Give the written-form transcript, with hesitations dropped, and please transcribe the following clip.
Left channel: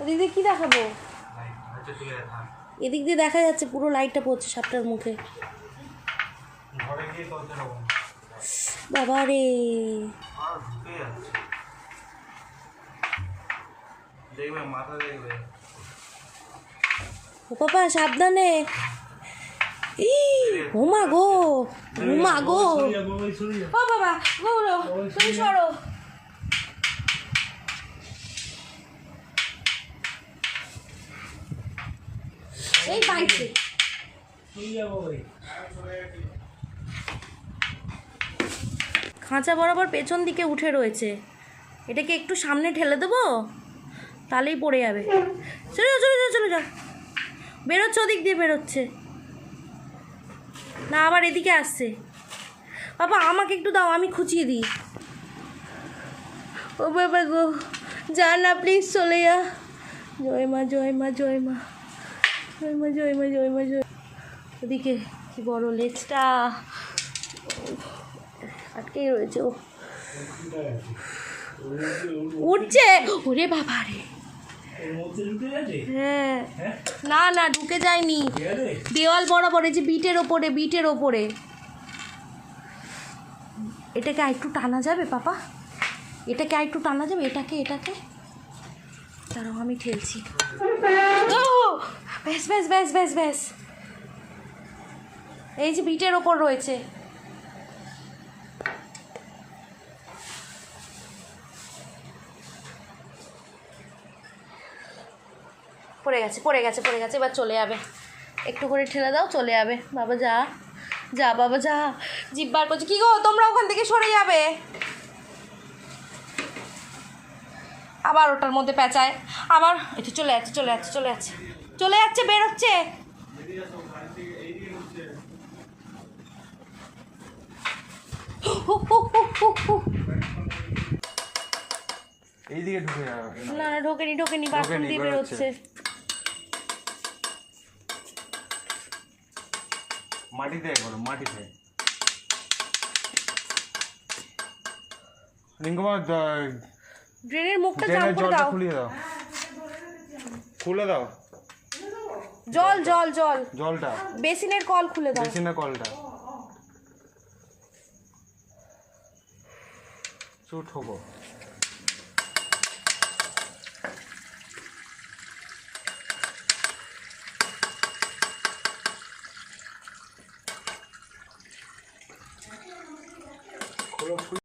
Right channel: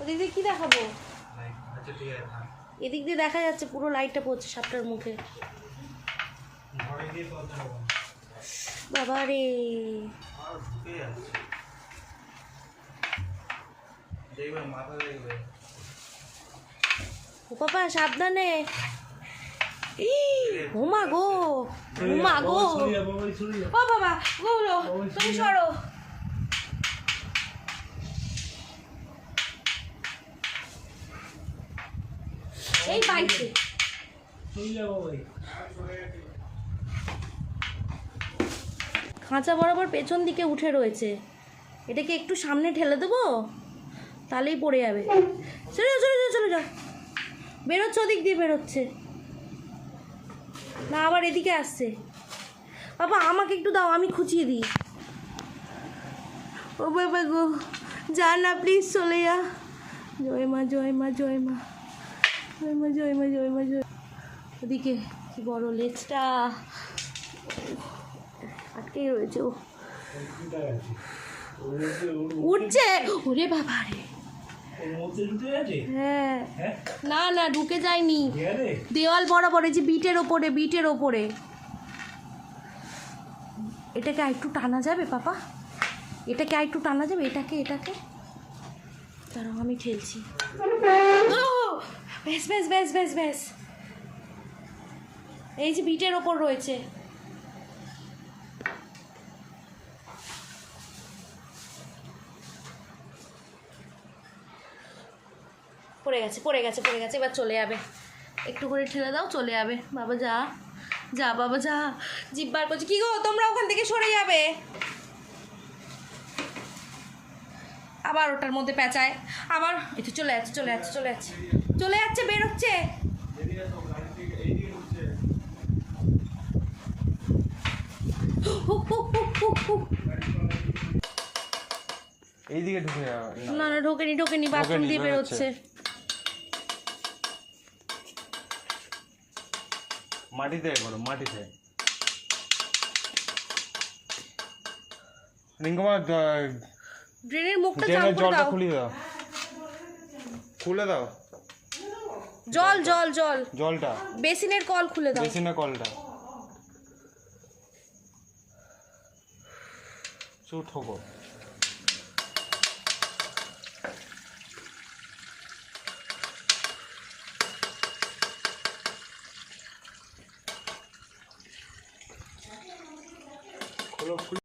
ওদিক দিয়ে কী দেখাবো? এদিক দিয়ে দেখা যাচ্ছে পুরো লাইটটা পড়ছে সাপটার মুখে। বাবা রে, ও বাবা সাবধানে। ও মা গো, ও মা গো, ও বাবা গৌরো, তুমি সরো। এই বাইছে খাঁচা বরাবর পেছন দিকে উঠে রয়েছে। এটাকে একটু সামনে ঠেলে দেবো, তাহলেই পড়ে যাবে। চলে যাও চলে যাও চলে যাও, বেরোচ্ছে ওদিক দিয়ে বেরোচ্ছে না, আবার এদিকে আসছে। বাবা আমাকে একটু দাও, আমি খুঁচিয়ে দিই। ও বাবা গো, যা না প্লিজ, চলে যা। জয় মা জয় মা জয় মা জয় মা জয় মা জয় মা জয়। ওদিকে কি বড় লেজটা আটকেই রয়েছে। ও উঠছে, ওরে বাবা রে। হ্যাঁ না না ঢুকে যায়নি, দেওয়াল বরাবর, এই যে বিটের ওপরে, বিটের ওপরে। এটাকে আরেকটু টানা যাবে পাপা? এটাকে আরেকটু টানা যাবে? এটাকে এটাকে দাঁড়াও, আমি ঠেলছি। ব্যাস ব্যাস ব্যাস ব্যাস ব্যাস, এই যে বিটের ওপর রয়েছে। পড়ে গেছে পড়ে গেছে পড়ে গেছে, এবার চলে যাবে। একটু করে ঠেলে দাও, চলে যাবে। বাবা যা যা, বাবা যা। জিভ বার করছে। কি গো, তোমরা ওখান থেকে সরে যাবে। আবার ওটার মধ্যে পেঁচায়, আবার এটা চলে যাচ্ছে চলে যাচ্ছে চলে যাচ্ছে চলে যাচ্ছে, বেরোচ্ছে। এইদিকে ঢুকে না না ঢোকেনি ঢোকেনি, বাথরুম দিয়ে বেরোচ্ছে। মাটিতে করো, মাটিতে। রিঙ্কুমা ড্রেনের মুখটা জাম ড্রেনের করে জলটা দাও, খুলে দাও, খুলে দাও। জল জল জল, জলটা বেসিনের কল খুলে দাও। বেসিনের কলটা চুট ঠোকো।